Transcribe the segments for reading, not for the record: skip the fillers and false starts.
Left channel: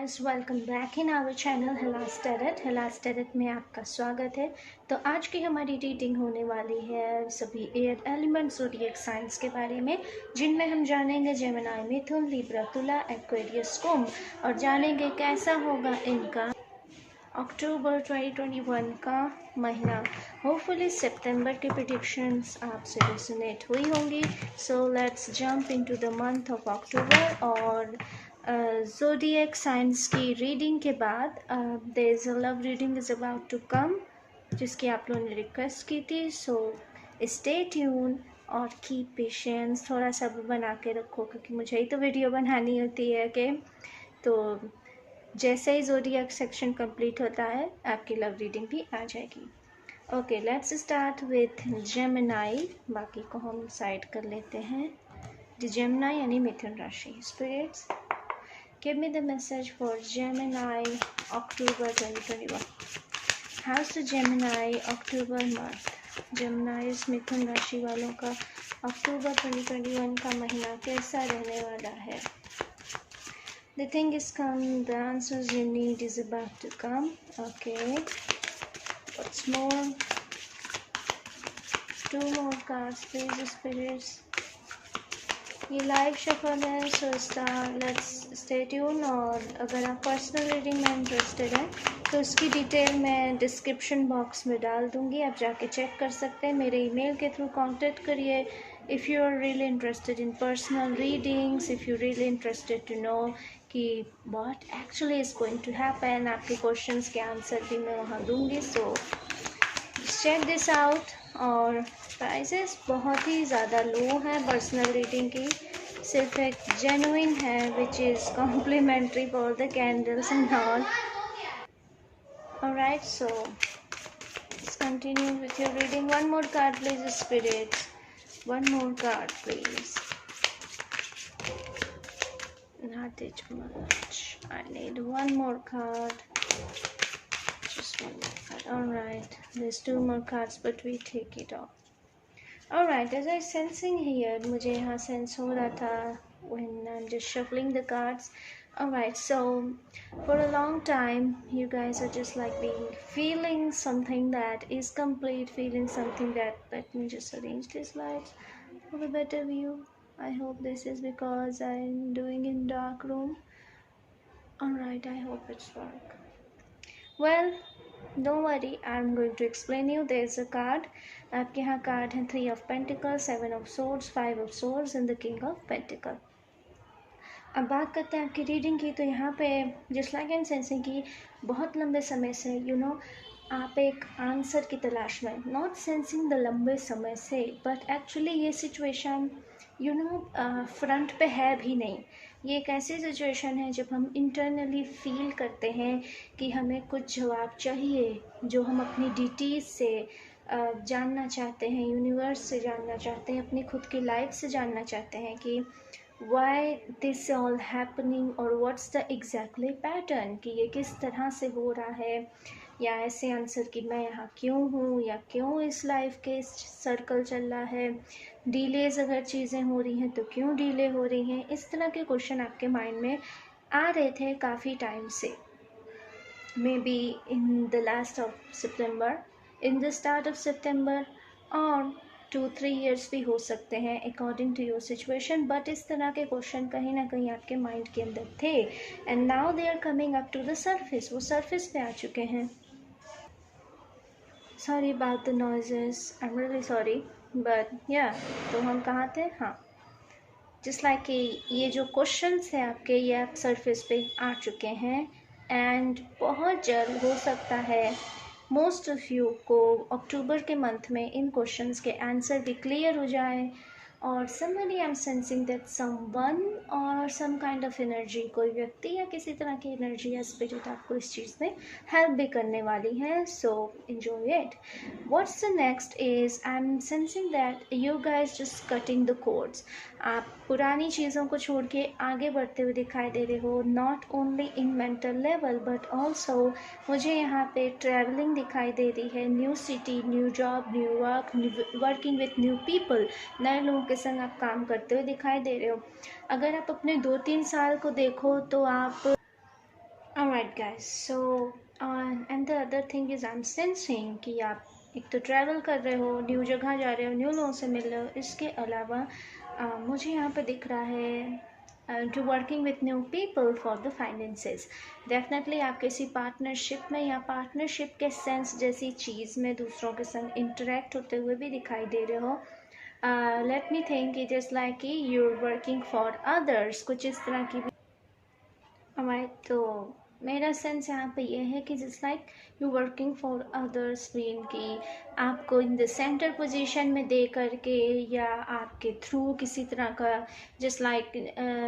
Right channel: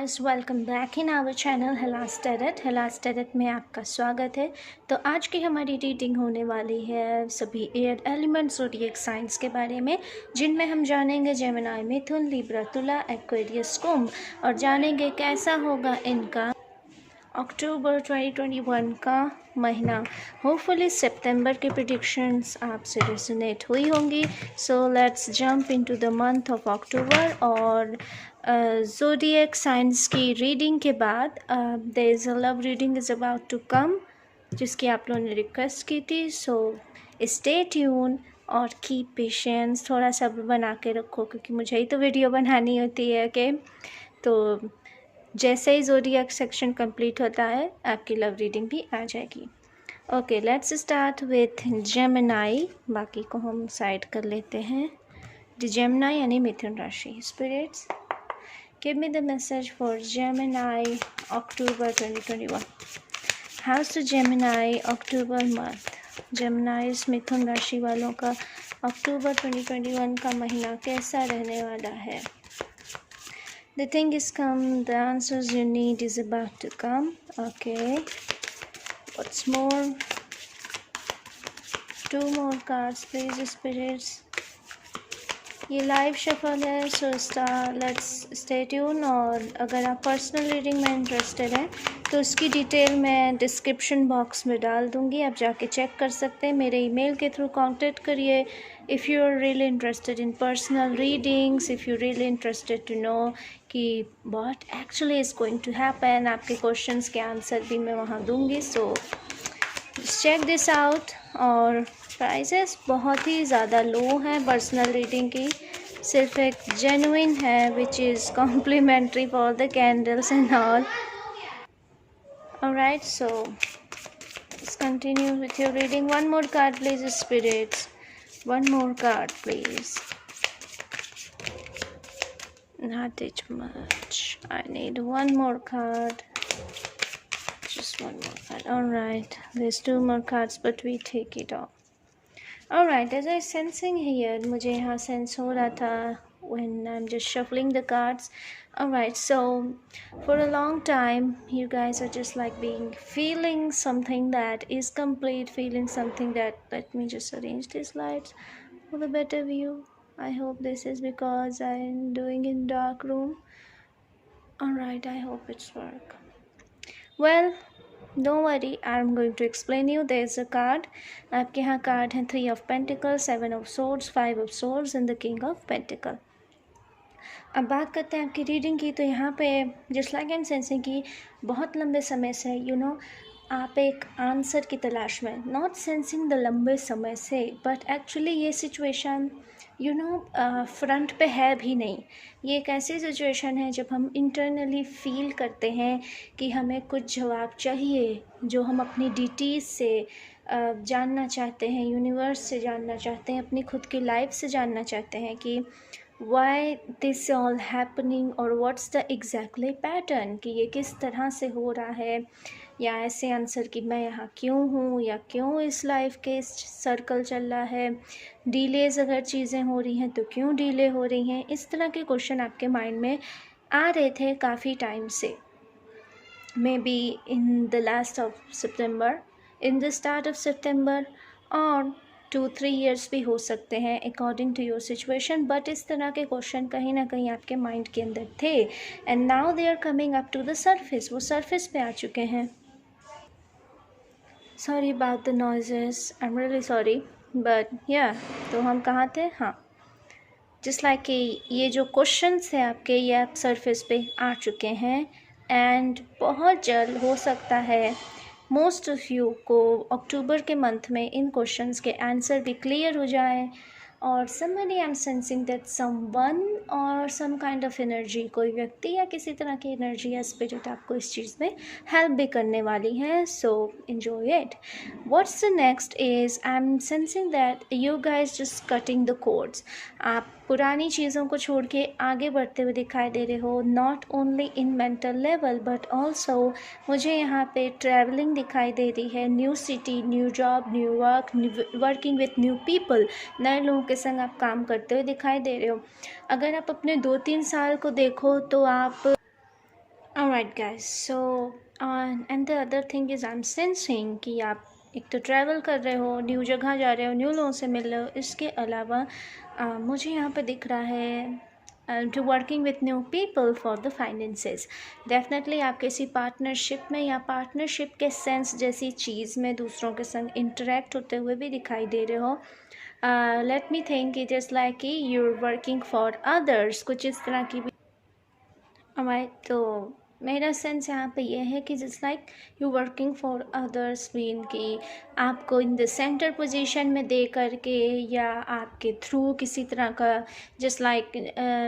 Guys, welcome back in our channel हेलास tarot में आपका स्वागत है। तो आज की हमारी रीडिंग होने वाली है सभी एयर एलिमेंट्स ज़ोडिएक साइंस के बारे में, जिनमें हम जानेंगे जेमिनी, मिथुन, लिब्रा, तुला, एक्वेरियस, कुंभ, और जानेंगे कैसा होगा इनका अक्टूबर 2021 का महीना। होपफुली सितंबर के प्रिडिक्शंस आपसे रेजोनेट हुई होंगी। So let's jump into the month of October. और ज़ोडिएक साइंस की रीडिंग के बाद there is a love reading is about to come, जिसकी आप लोगों ने रिक्वेस्ट की थी। सो स्टे ट्यून और कीप पेशेंस। थोड़ा सा बना के रखो क्योंकि मुझे ही तो वीडियो बनानी होती है कि तो जैसे ही ज़ोडिएक सेक्शन कंप्लीट होता है आपकी लव रीडिंग भी आ जाएगी। Okay, let's start with Gemini. बाकी को हम साइड कर लेते हैं। जेमिनी यानी मिथुन राशि। Spirits, give me the message for Gemini October 2021। How's to Gemini October month. Gemini मिथुन राशि वालों का अक्टूबर 2021 का महीना कैसा रहने वाला है? The thing is come, the answers you need is about to come. Okay, what's more? 2 more cards please spirits. ये लाइव शफल है, सो लेट्स स्टे ट्यून। और अगर आप पर्सनल रीडिंग में इंटरेस्टेड हैं तो उसकी डिटेल मैं डिस्क्रिप्शन बॉक्स में डाल दूँगी, आप जाके चेक कर सकते हैं। मेरे ईमेल के थ्रू कांटेक्ट करिए if you are really interested in personal readings, if you really interested to know कि what actually is going to happen. आपके क्वेश्चंस के आंसर भी मैं वहाँ दूँगी। So check this out. और प्राइसेस बहुत ही ज़्यादा लो हैं पर्सनल रीडिंग की, सिर्फ एक जेन्युइन है which is complimentary for the candles and all. Alright, so let's continue with your reading. One more card please spirits, one more card please. Not it much. I need one more card. Just one more card. Alright, there's 2 more cards but we take it all. Alright, as I sensing here, मुझे यहाँ sense हो रहा था when I'm just shuffling the cards. Alright, so for a long time you guys are just like feeling something that is complete, feeling something that, let me just arrange these lights for a better view. I hope this is because I'm doing in dark room. Alright, I hope it's work. Well, don't worry, I'm going to explain you. There is a card. आपके यहाँ card है 3 of Pentacles, 7 of Swords, 5 of Swords and the King of Pentacles. अब बात करते हैं आपकी reading की। तो यहाँ पे जस्ट लाइक एंड सेंसिंग की बहुत लंबे समय से आप एक आंसर की तलाश में, नॉट सेंसिंग द लंबे समय से, बट एक्चुअली ये सिचुएशन फ्रंट पे है भी नहीं। ये एक ऐसी सिचुएशन है जब हम इंटरनली फील करते हैं कि हमें कुछ जवाब चाहिए, जो हम अपनी डिटीज से जानना चाहते हैं, यूनिवर्स से जानना चाहते हैं, अपनी खुद की लाइफ से जानना चाहते हैं कि वाई दिस ऑल हैपनिंग और व्हाट्स द एग्जैक्टली पैटर्न, कि ये किस तरह से हो रहा है, या ऐसे आंसर कि मैं यहाँ क्यों हूँ, या क्यों इस लाइफ के सर्कल चल रहा है, डिलेज अगर चीज़ें हो रही हैं तो क्यों डिले हो रही हैं। इस तरह के क्वेश्चन आपके माइंड में आ रहे थे काफ़ी टाइम से, maybe in the last of September, in the start of September, और 2-3 years भी हो सकते हैं according to your situation. But इस तरह के क्वेश्चन कहीं ना कहीं आपके माइंड के अंदर थे and now they are coming up to the surface. वो सरफेस पे आ चुके हैं। Sorry about the noises, I am really sorry, but या तो हम कहाँ थे? हाँ, जस्ट लाइक कि ये जो क्वेश्चंस हैं आपके, ये आप सरफेस पे आ चुके हैं एंड बहुत जल्द हो सकता है मोस्ट ऑफ यू को अक्टूबर के मंथ में इन क्वेश्चंस के आंसर भी क्लियर हो जाए। और somebody I'm sensing that someone और some kind of energy, कोई व्यक्ति या किसी तरह की एनर्जी या स्पिरिट आपको इस चीज़ में हेल्प भी करने वाली है। सो enjoy it. What's the next is I'm sensing that you guys just cutting the cords. आप पुरानी चीज़ों को छोड़ के आगे बढ़ते हुए दिखाई दे रहे हो, not only in mental level but also मुझे यहाँ पे ट्रैवलिंग दिखाई दे रही है, new city, new job, new work, working with new people, नए लोगों के संग आप काम करते हुए दिखाई दे रहे हो। अगर आप अपने 2-3 साल को देखो तो आप Alright guys, so and the other thing is I'm sensing कि आप एक तो ट्रैवल कर रहे हो, न्यू जगह जा रहे हो, न्यू लोगों से मिल रहे हो. इसके अलावा मुझे यहाँ पे दिख रहा है to working with new people for the finances. Definitely आप किसी पार्टनरशिप में या पार्टनरशिप के सेंस जैसी चीज़ में दूसरों के संग इंटरेक्ट होते हुए भी दिखाई दे रहे हो. Let me think it is like कि you are working for others, कुछ इस तरह की भी हमारे. तो मेरा सेंस यहाँ पे ये है कि just like you working for others mean कि आपको इन द सेंटर पोजीशन में दे करके या आपके थ्रू किसी तरह का जस्ट लाइक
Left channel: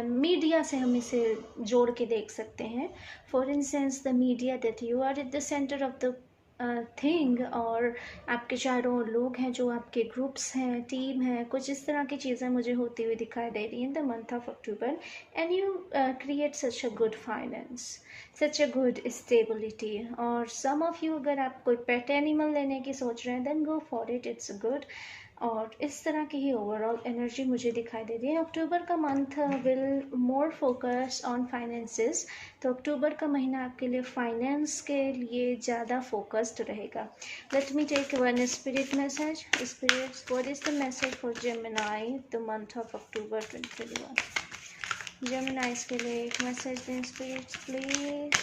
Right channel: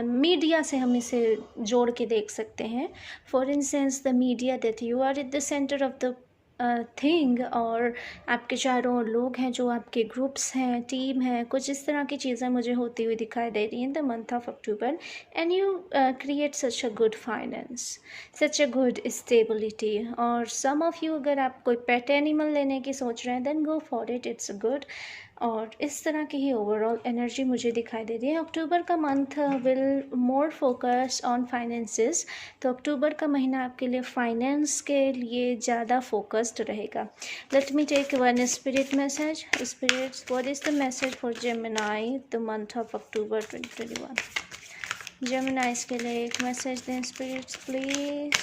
मीडिया से हम इसे जोड़ के देख सकते हैं. For instance the media that you are at the centre of the thing, और आपके चारों लोग हैं जो आपके ग्रुप्स हैं, टीम है, कुछ इस तरह की चीज़ें मुझे होती हुई दिखाई दे रही हैं in the month of October. And you create such a good finance, such a good stability. और सम ऑफ यू अगर आप कोई पेट एनिमल लेने की सोच रहे हैं then go for it, it's good. और इस तरह की ही ओवरऑल एनर्जी मुझे दिखाई दे रही है. अक्टूबर का month will more focus on finances. तो अक्टूबर का महीना आपके लिए फाइनेंस के लिए ज़्यादा फोकस्ड रहेगा. Let me take one spirit message. Spirits, what is the message for Gemini the month of October 2021? Geminis के लिए एक मैसेज दें spirits please.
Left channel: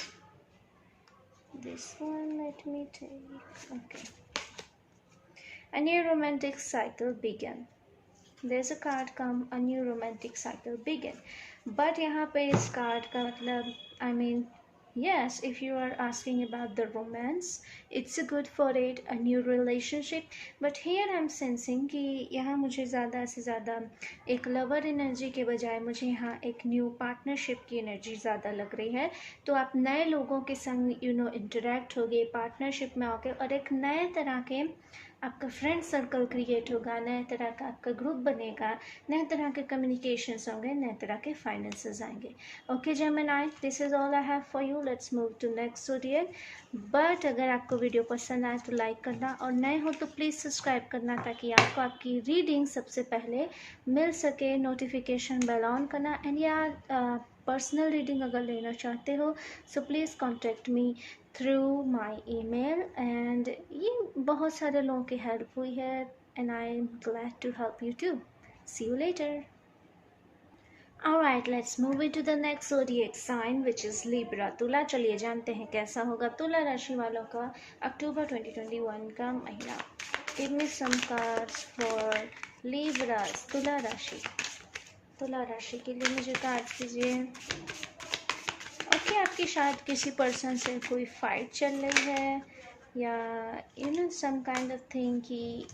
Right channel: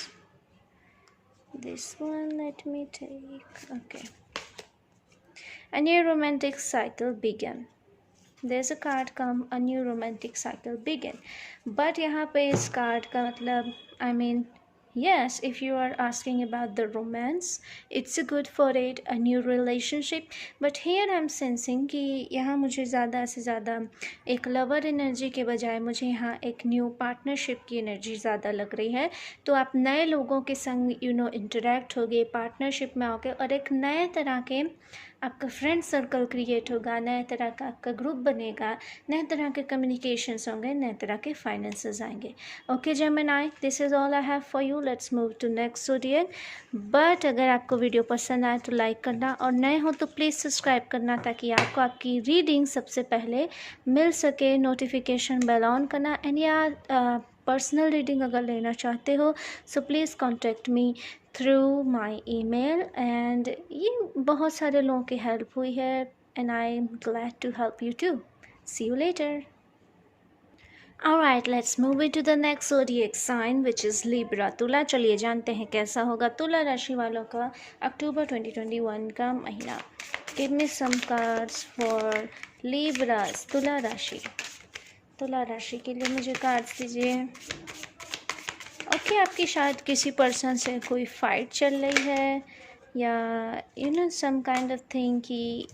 This one let me take. Okay. A new romantic cycle began. There's a card come, a new romantic cycle begin. But यहाँ पे इस card का मतलब I mean yes, if you are asking about the romance, it's a good for it, a new relationship. But here I'm sensing कि यहाँ मुझे ज़्यादा से ज़्यादा एक लवर एनर्जी के बजाय मुझे यहाँ एक न्यू पार्टनरशिप की एनर्जी ज़्यादा लग रही है. तो आप नए लोगों के संग इंटरेक्ट होगे, पार्टनरशिप में आओगे और एक नए तरह के आपका फ्रेंड सर्कल क्रिएट होगा, नए तरह का आपका ग्रुप बनेगा, नए तरह के कम्युनिकेशंस होंगे, नए तरह के फाइनेंसेस आएंगे. Okay Gemini, this is all I have for you. Let's move to next zodiac. But अगर आपको वीडियो पसंद आए तो लाइक करना, और नए हो तो प्लीज़ सब्सक्राइब करना ताकि आपको आपकी रीडिंग सबसे पहले मिल सके. नोटिफिकेशन बेल ऑन करना. एंड या पर्सनल रीडिंग अगर लेना चाहते हो so please contact me through my email. And ये बहुत सारे लोगों की हेल्प हुई है and I am glad to help you too. See you later. Alright, let's move into the next zodiac sign which is Libra. तुला. चलिए जानते हैं कैसा होगा तुला राशि वालों का अक्टूबर 2021 का महीना. Give me some cards for Libras. तुला राशि. तुला राशि के लिए मुझे कार्ड्स दीजिए. ओके, आपकी शायद किसी पर्सन से कोई फाइट चल रही है या सम काइंड ऑफ थिंग कि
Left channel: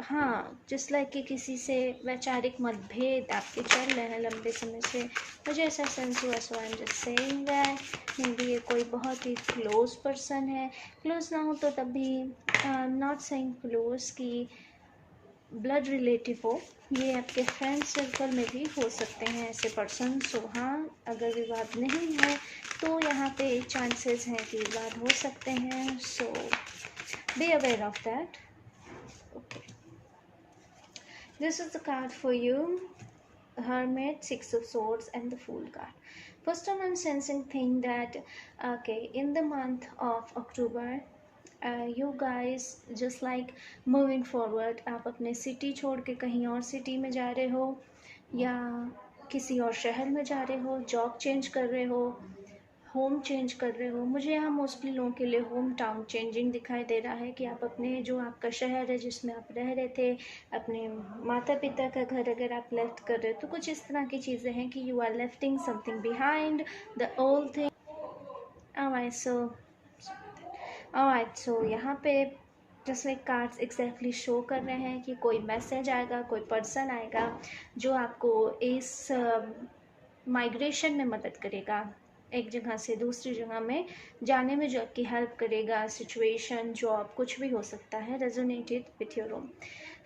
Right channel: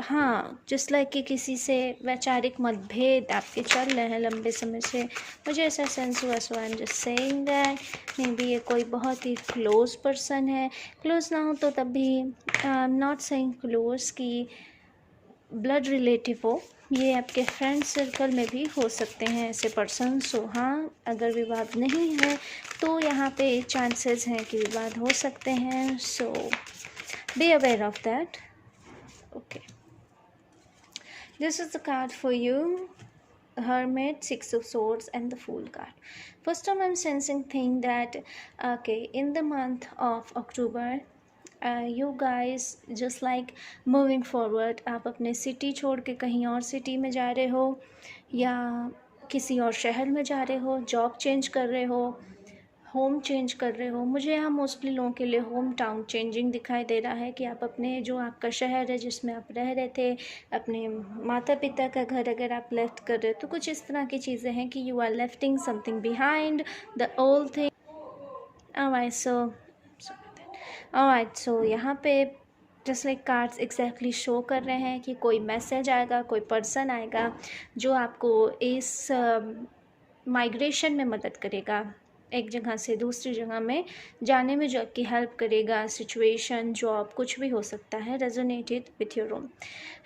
हाँ जस्ट लाइक कि किसी से वैचारिक मतभेद आपके चल रहे हैं लंबे समय से. मुझे ऐसा सेंस हुआ. So I am just saying that maybe ये कोई बहुत ही क्लोज पर्सन है. क्लोज ना हो तो तब भी I am not saying close कि ब्लड रिलेटिव हो. ये आपके फ्रेंड सर्कल में भी हो सकते हैं ऐसे पर्सन. सो हाँ, अगर विवाद नहीं है तो यहाँ पे चांसेस हैं कि विवाद हो सकते हैं. So be aware of that. Okay, this is the card for you. Hermit, Six of Swords and the Fool card. First time I'm sensing thing that okay, in the month of October you guys just like moving forward. आप अपने city छोड़ के कहीं और city में जा रहे हो या किसी और शहर में जा रहे हो, जॉब चेंज कर रहे हो, होम चेंज कर रहे हो. मुझे यहाँ मोस्टली लोगों के लिए होम टाउन चेंजिंग दिखाई दे रहा है कि आप अपने जो आपका शहर है जिसमें आप रह रहे थे, अपने माता पिता का घर अगर आप लेफ्ट कर रहे हो तो कुछ इस तरह की चीज़ें हैं कि you are lefting something behind the old thing. Alright, so यहाँ पे just like cards exactly show कर रहे हैं कि कोई मैसेज आएगा, कोई पर्सन आएगा जो आपको इस माइग्रेशन में मदद करेगा, एक जगह से दूसरी जगह में जाने में जो आपकी हेल्प करेगा. सिचुएशन, जॉब, कुछ भी हो सकता है. Resonated with your own.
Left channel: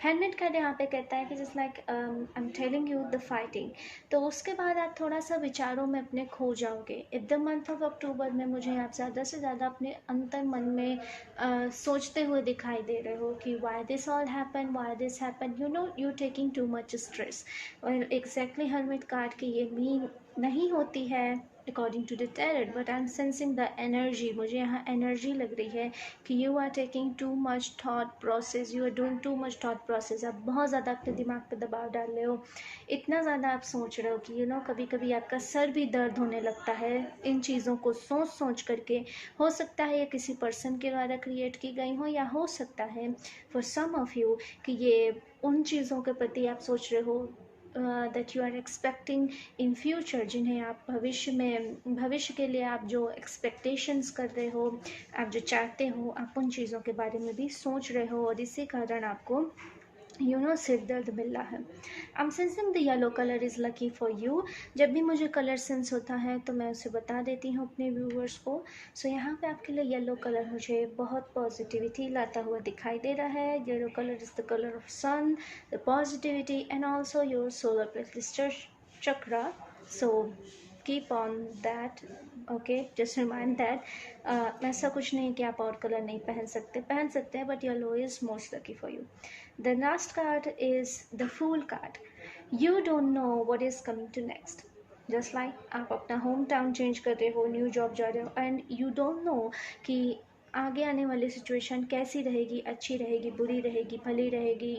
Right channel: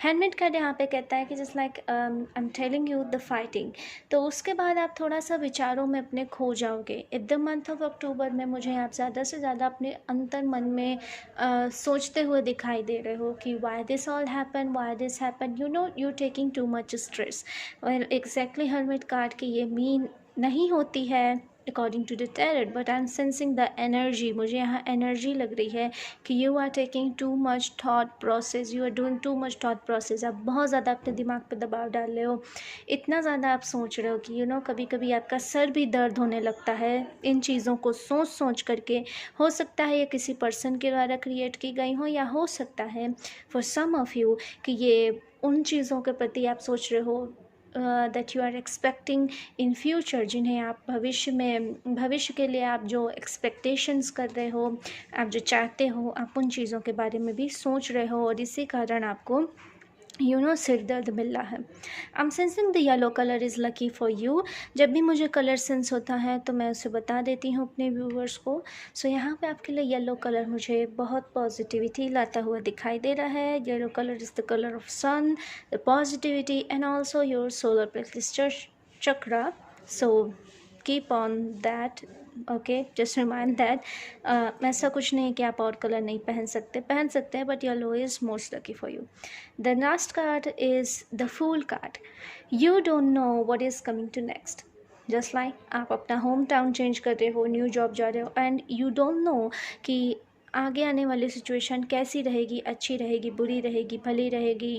Handmade card यहाँ पे कहता है कि just like I am telling you the fighting. तो उसके बाद आप थोड़ा सा विचारों में अपने खो जाओगे. इन द मंथ ऑफ अक्टूबर में मुझे आप ज़्यादा से ज़्यादा अपने अंतर मन में सोचते हुए दिखाई दे रहे हो कि why this all happen, why this happen, you taking too much stress. Well exactly handmade card की ये मीन नहीं होती है according to the tarot, but I'm sensing the energy. मुझे यहाँ energy लग रही है कि you are taking too much thought process, you are doing too much thought process. आप बहुत ज़्यादा अपने दिमाग पे दबाव डाल रहे हो, इतना ज़्यादा आप सोच रहे हो कि कभी कभी आपका सर भी दर्द होने लगता है इन चीज़ों को सोच सोच करके. हो सकता है ये किसी पर्सन के द्वारा क्रिएट की गई हो, या हो सकता है फॉर सम ऑफ यू कि ये उन चीज़ों के प्रति आप सोच रहे हो that you are expecting in future, जिन्हें आप भविष्य के लिए आप जो एक्सपेक्टेशंस कर रहे हो, आप जो चाहते हो, आप उन चीज़ों के बारे में भी सोच रहे हो, और इसी कारण आपको सिर दर्द मिल रहा है. I am sensing the yellow colour is lucky for you. जब भी मुझे कलर सेंस होता है तो मैं उसे बता देती हूँ अपने व्यूवर्स को. सो यहाँ पे आपके लिए येलो कलर मुझे बहुत पॉजिटिविटी लाता हुआ दिखाई दे रहा है. Yellow colour is the colour of sun, the positivity, and also your solar plexus chakra. So keep on that. Okay, just remind that ऐसा कुछ नहीं कि आप और कलर नहीं पहन सकते हैं, but yellow is most lucky for you. The last card is the fool card. You don't know what is coming to next. Just like आप अपना होम टाउन चेंज कर रहे हो, न्यू जॉब जा रहे हो, एंड यू डोंट नो कि आगे आने वाली सिचुएशन कैसी रहेगी, अच्छी रहेगी, बुरी रहेगी, भली रहेगी.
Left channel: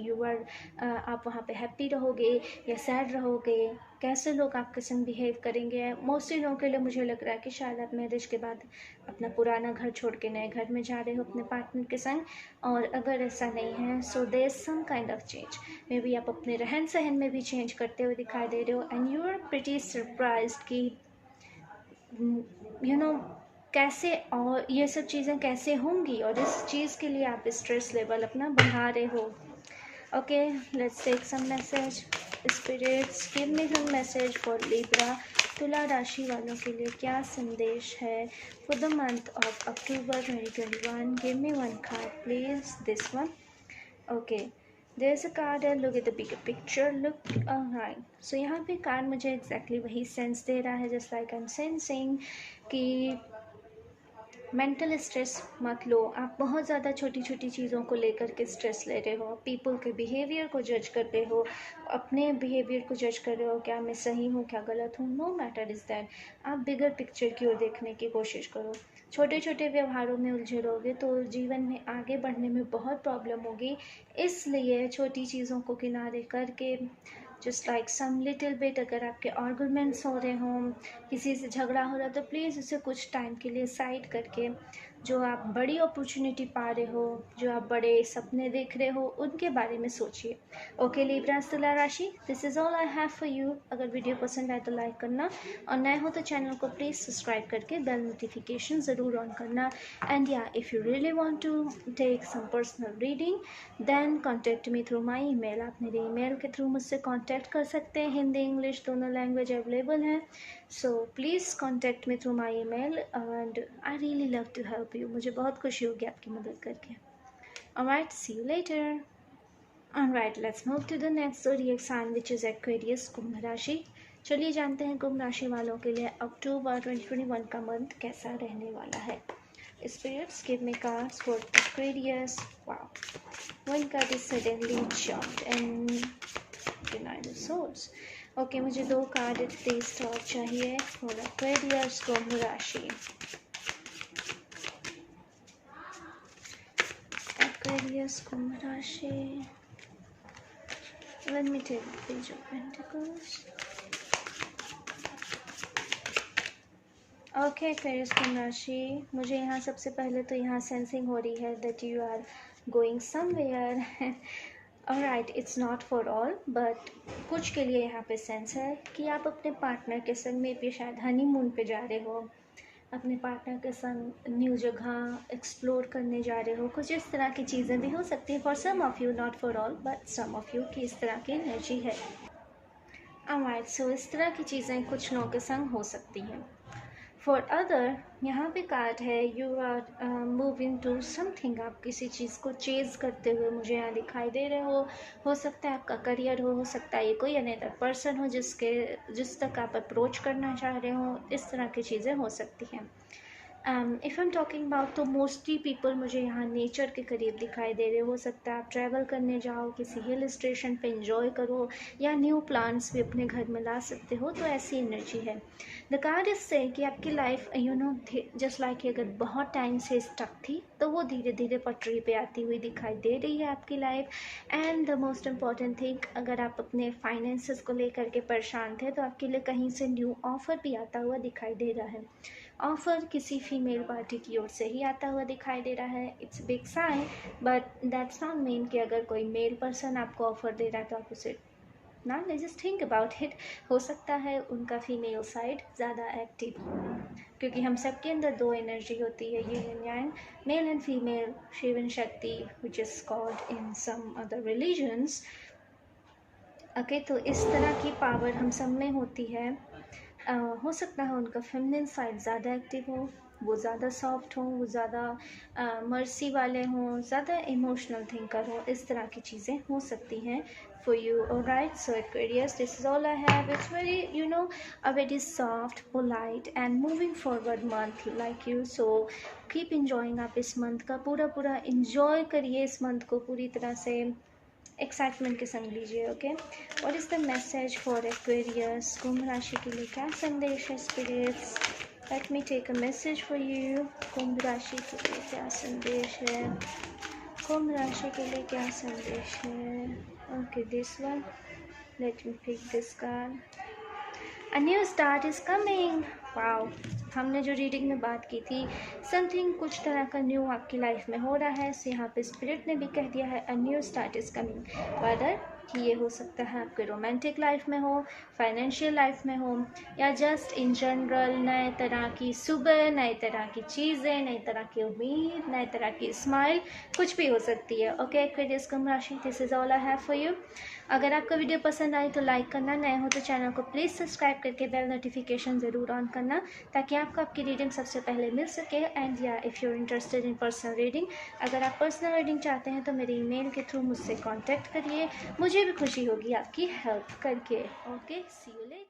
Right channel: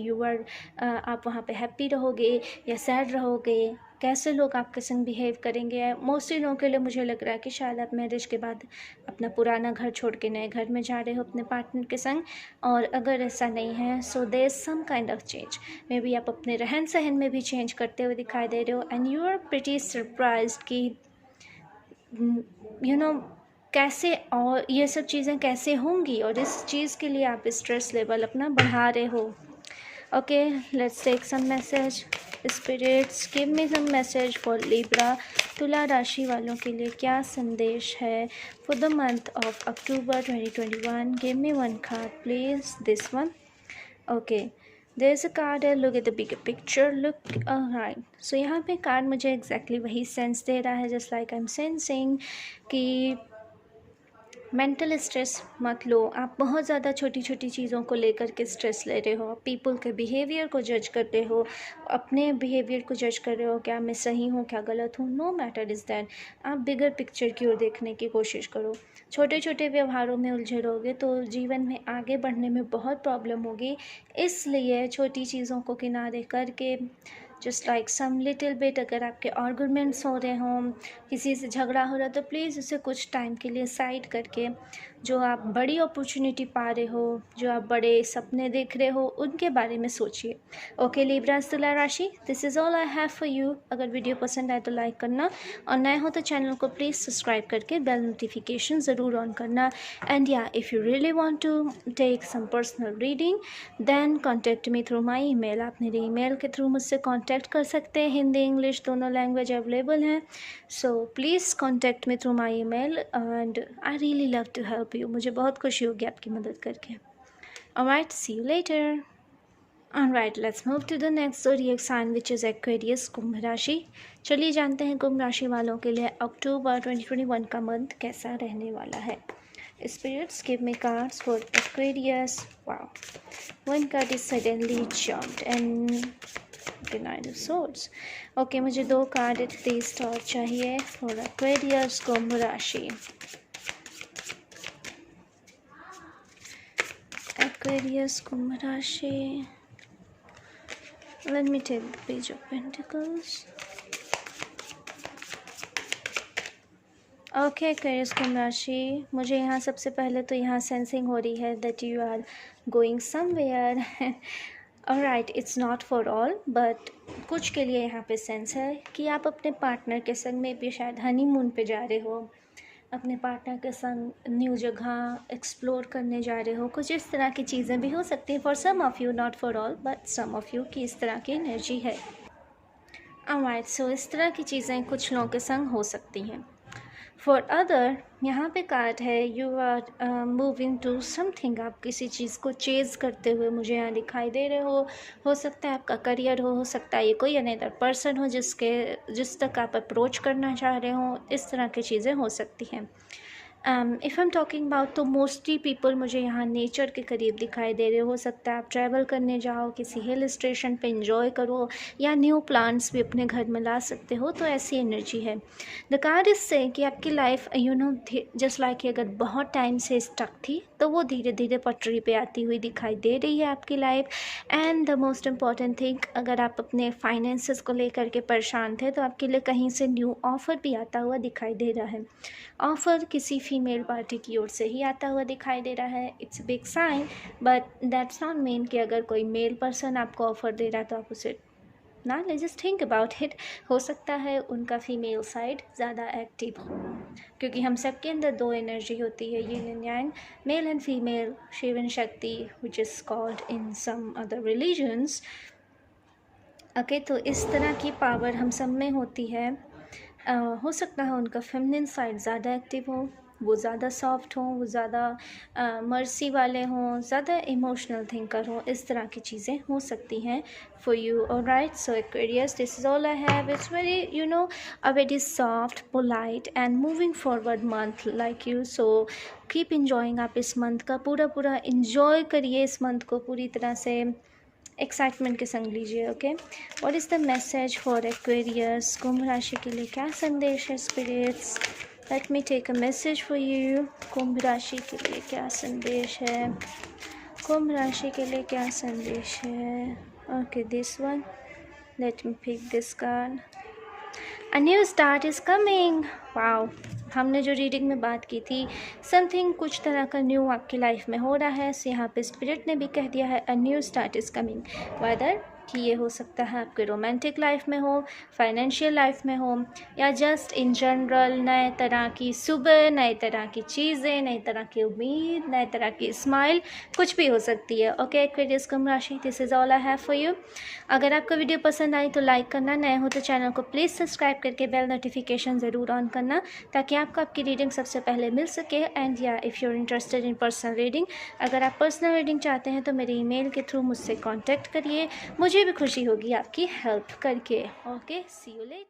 आप वहाँ पे हैप्पी रहोगे या सैड रहोगे, कैसे लोग आपके संग बिहेव करेंगे. मोस्टली लोगों के लिए मुझे लग रहा है कि शायद आप मैरिज के बाद अपना पुराना घर छोड़ के नए घर में जा रहे हो अपने पार्टनर के संग. और अगर ऐसा नहीं है, so there is some kind of change. Maybe आप अपने रहन सहन में भी चेंज करते हुए दिखाई दे रहे हो, and you are pretty surprised कि कैसे और ये सब चीज़ें कैसे होंगी, और इस चीज़ के लिए आप स्ट्रेस लेवल अपना बढ़ा रहे हो. Okay, let's take some message. Spirits give me some message for Libra. तुला राशि वालों के लिए क्या संदेश है for the month of October 2021. Give me one card please, this one. Okay, there's a card there. Look at the bigger picture. Look, alright. So यहाँ पे कार्ड मुझे exactly वही सेंस दे रहा है, just like I'm sensing कि mental stress मत लो. आप बहुत ज़्यादा छोटी छोटी चीज़ों को लेकर के स्ट्रेस ले रहे हो, पीपल के बिहेवियर को जज कर रहे हो, अपने बिहेवियर को जज कर रहे हो, क्या मैं सही हूँ, क्या गलत हूँ. No matter is that. आप बिगर पिक्चर की ओर देखने की कोशिश करो. छोटे छोटे व्यवहारों में उलझे रहोगे तो जीवन में आगे बढ़ने में बहुत प्रॉब्लम होगी. इसलिए छोटी चीज़ों को किनारे करके just like some little bit, अगर आपके आर्गुमेंट्स हो रहे हों, किसी से झगड़ा हो रहा है, तो प्लीज़ उसे कुछ टाइम के लिए साइड करके जो आप बड़ी अपॉर्चुनिटी पा रहे हो, जो आप बड़े सपने देख रहे हो, उनके बारे में सोचिए. ओके लिब्रा तुला राशि, this is all I have for you. अगर वीडियो पसंद आए तो लाइक करना, और नए हो तो चैनल को प्लीज़ सब्सक्राइब करके बेल नोटिफिकेशन ज़रूर ऑन करना. एंड या if you really want to take some personal reading then contact me through my email. आप मेरे ईमेल के थ्रू मुझसे कॉन्टैक्ट कर सकते हैं. हिंदी इंग्लिश दोनों लैंग्वेज अवेलेबल हैं. So please contact me through my email, and I really love to help you. मुझे बहुत खुशी होगी आपकी मदद करके. Alright, see you later. Alright, let's move to the next zodiac sign which is Aquarius, कुंभ राशि. चलिए जानते हैं कुंभ राशि वालों के लिए अक्टूबर 2021 का मंथ कैसा रहने वाला है. Spirits give me cards for Aquarius. Wow, one card is suddenly jumped and the Nine of Swords. Okay, मुझे दो कार्ड थ्री स्टार चाहिए for Aquarius कुंभ राशि. Aquarius कुंभ राशि. Let me take the Page of Pentacles. Okay Aquarius कुंभ राशि, मुझे यहाँ सबसे पहले तो यहाँ सेंसिंग हो रही है that you are going somewhere. Alright, it's not for all, but कुछ के लिए यहाँ पे सेंस है कि आप अपने पार्टनर के संग में भी शायद हनीमून पे जा रहे हो, अपने पार्टनर के संग न्यू जगह एक्सप्लोर करने जा रहे हो. कुछ इस तरह की चीज़ें भी हो सकती हैं for some of you, not for all, but some of you की इस तरह की एनर्जी है. ऑलराइट, सो इस तरह की चीज़ें कुछ लोगों के संग हो सकती हैं. फॉर अदर यहाँ पे कार्ड है you are moving to something. आप किसी चीज़ को चेज़ करते हुए मुझे यहाँ दिखाई दे रहे हो सकता है आपका करियर हो सकता है ये कोई अनदर पर्सन हो जिस तक आप अप्रोच करना चाह रहे हो. इस तरह की चीज़ें हो सकती हैं. If I am talking about, तो मोस्टली पीपल मुझे यहाँ नेचर के करीब दिखाई दे रहे हो सकता है आप ट्रैवल करने जाओ, किसी हिल स्टेशन पे इंजॉय करो, या न्यू प्लांट्स भी अपने घर में ला सकते हो, तो ऐसी एनर्जी है। द कार्ड इज से कि आपकी life you know just like अगर बहुत टाइम से स्टक थी तो वो धीरे धीरे पटरी पे आती हुई दिखाई दे रही है आपकी life. And the most important thing, अगर आप अपने फाइनेंसेस को लेकर के परेशान थे तो आपके लिए कहीं से न्यू ऑफ़र भी आता हुआ दिखाई दे रहा है। ऑफ़र किसी फीमेल पार्टी की ओर से ही आता हुआ दिखाई दे रहा है। It's big sign, but that's not mean कि अगर कोई मेल पर्सन आपको ऑफ़र दे रहा है तो आप उसे ना ले। जस्ट थिंक अबाउट इट, हो सकता है उनका फीमेल साइड ज़्यादा एक्टिव हो, क्योंकि हम सबके अंदर दो एनर्जी होती है, yin and yang, male and female, Shiv and Shakti, which is called in some other religions. Okay, तो इस तरह की पावर हम सब में होती है। हो सकता है उनका फेमिनिन साइड ज़्यादा एक्टिव हो, वो ज़्यादा सॉफ्ट हो, वो ज़्यादा मर्सी वाले हों, ज़्यादा इमोशनल थिंकर हो, इस तरह की चीज़ें हो सकती हैं for you. Alright, so Aquarius, this is all I have. It's very, you know, a very soft, polite and moving forward month like you. So keep enjoying आप इस मंथ का पूरा enjoy करिए, इस मंथ को पूरी तरह से एक्साइटमेंट के संग लीजिए। Okay, what is the message for Aquarius? कुंभ राशि के लिए क्या संदेश है spirits? Let me take a message for you. कुंभ राशि के लिए क्या संदेश है? कुंभ राशि के लिए क्या संदेश है? Okay, this one, let me pick this card. A new start is coming. Wow, हमने जो रीडिंग में बात की थी, समथिंग कुछ तरह का न्यू आपकी लाइफ में हो रहा है। सो यहाँ पे स्पिरिट ने भी कह दिया है a new start is coming. Whether कि ये हो सकता है आपके रोमांटिक लाइफ में हो, फाइनेंशियल लाइफ में हो, या जस्ट इन जनरल नए तरह की सुबह, नए तरह की चीज़ें, नई तरह की उम्मीद, नए तरह की स्माइल, कुछ भी हो सकती है। ओके एक्वेरियस कुंभ राशि, this is all I have for you. अगर आपको वीडियो पसंद आई तो लाइक करना, नए हो तो चैनल को प्लीज़ सब्सक्राइब करके बेल नोटिफिकेशन ज़रूर ऑन करना, ताकि आपको आपकी रीडिंग सबसे पहले मिल सके। एंड या if you are interested in personal reading, अगर आप पर्सनल रीडिंग चाहते हैं तो मेरे ईमेल के थ्रू मुझसे कांटेक्ट करिए, मुझे भी खुशी होगी आपकी हेल्प करके। Okay, see you letter.